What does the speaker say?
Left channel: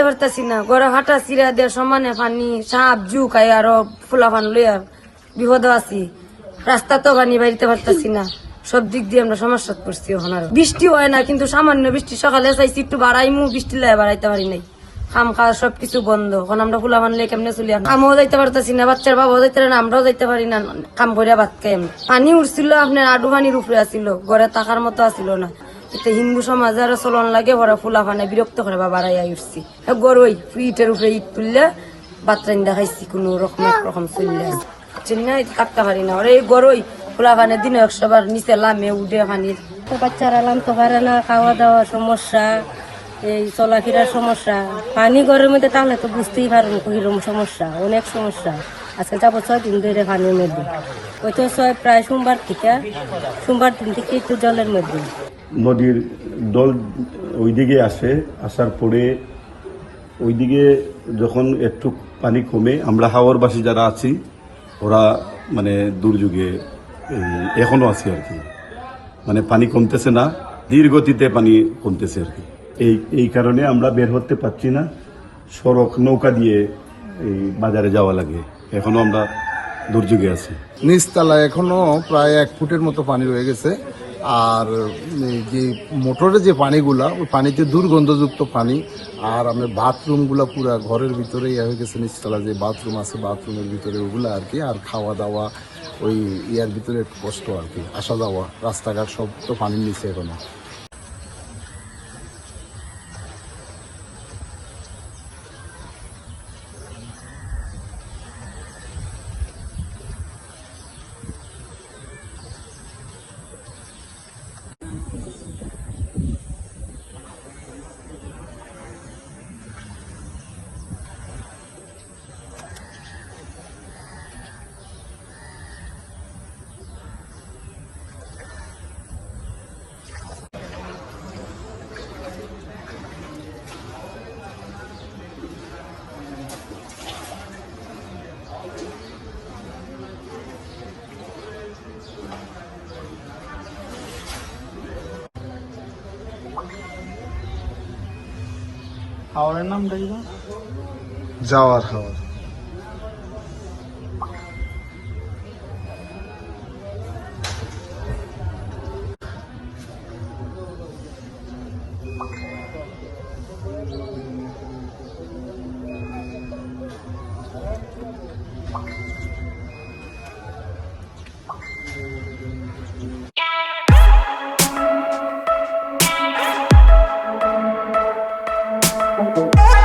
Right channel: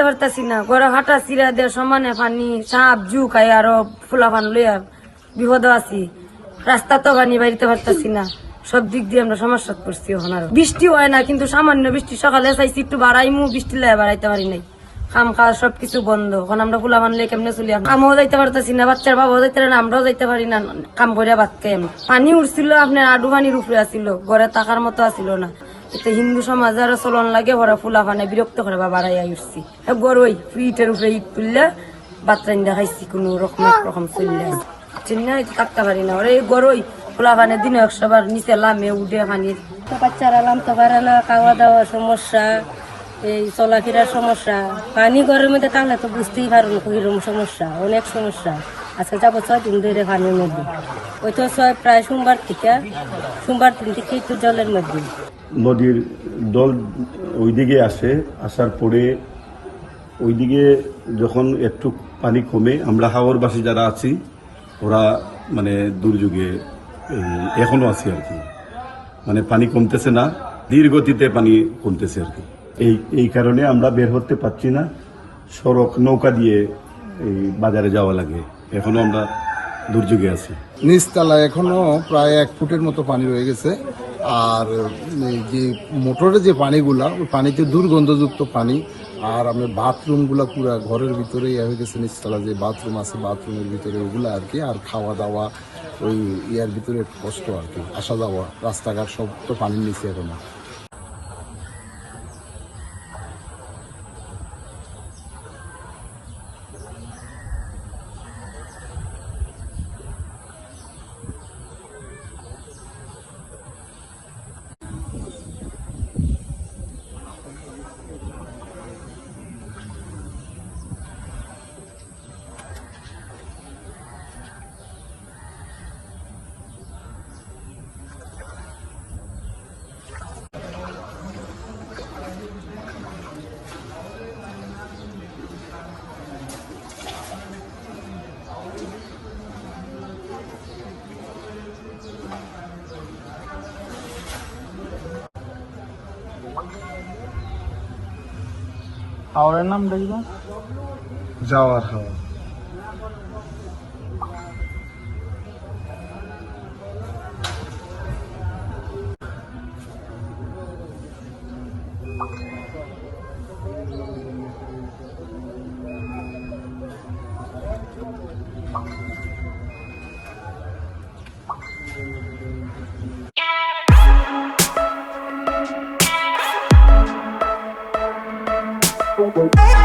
যাইতে পারতাছি না। ঘরে হাঁটা চিরা দিয়ে সমানে পানি, সাপ জু খাই আরও ফুলা পান লইয়া বিপদ আছি। রাস্তা তো পানি বাড়িতে পারতাছি না। সব দিক দিয়ে আমরা সমস্যা করছি এখন বৃষ্টি হয় না, কিন্তু সামান্য বৃষ্টি সকালে চাইছি একটু বাড়াইমু, বৃষ্টি লাই বাড়াইতে পারি নাই। কাম খাওয়া সবকিছু বন্ধ। এখন আমরা ফুলা মানলে কেমনে চলি আমিও যাইতে পারতাছি না, বাচ্চার বাবাও যাইতে না, আমরাও যাইতে পারি না। কাম করে ভাত খাই পানি উঠছিল আপনার আডু পানির উপরে আসিল ঘরে থাকার মতো আসিল না। হিন্দু সমাজ আরও চলন লাগে, ওরা ফুলা পানে বিরক্ত করে বা উঠছি। গরুই ইটের উপরে ইট তুললে বাচ্চা দেখাইছি কোনো রকম রকম চললে। চিন্না থাকতে পারি না। ওরা এই গরুই ফুলা পানে দিনে একশোবার নিচে লামে উঠে পানি তো বাচ্চারা লাম তো পারে না, খাওয়া দাওয়ার সমস্যা, এই চলাফেরার সমস্যা। পানি গরমে তো তাহলে তো বুঝতেই পারেন কীরকম সমস্যা, অনেক সমস্যা। আচ্ছা যাব ছয় দিন ধরে পানির মধ্যে। ওই তো ছয়, প্রায় সোমবার থেকে, সোমবার দিন থেকে একটু জলের মধ্যে। নদীর দল ওইদিকে আসে আসার পরে ওইদিকে যখন একটু পানি কমে আমরা হাওরবাসী যারা আছি ওরা মানে দুর্যোগে এই, এখনও আছে আর কি। মানে পানি কমতেছে না ধীর গতিতে পানি কমতেছে আর কি। এই এই কারণে আমরা বের হতে পারছি না সড়ক নৌকা দিয়ে বাজারে যাওয়া লাগে। এখনও আমরা দুর্যোগে আছি। নিচতলা এখনও প্রায় এক ফুটের মতো পানি রয়ে গেছে। আর যে মোটরের যে পানিগুলা, ওই পানিতে দুর্গন্ধযুক্ত পানি, আর আমি বাথরুমগুলো পুরো ঘরের ভিতরেই হয়ে গেছে নিচতলা, যে বাথরুম আছে, বাথরুমের ভিতরে ওগুলো আর কি, আর খাওয়া দাওয়া, ওই ইয়ার ভিতরে কষ্ট আর কি, আসা যাওয়া, রাস্তাঘাট সব তো পানির নিচে এখনও। হাওড়ের নাম দেখবা যাওয়ার হাওয়া Música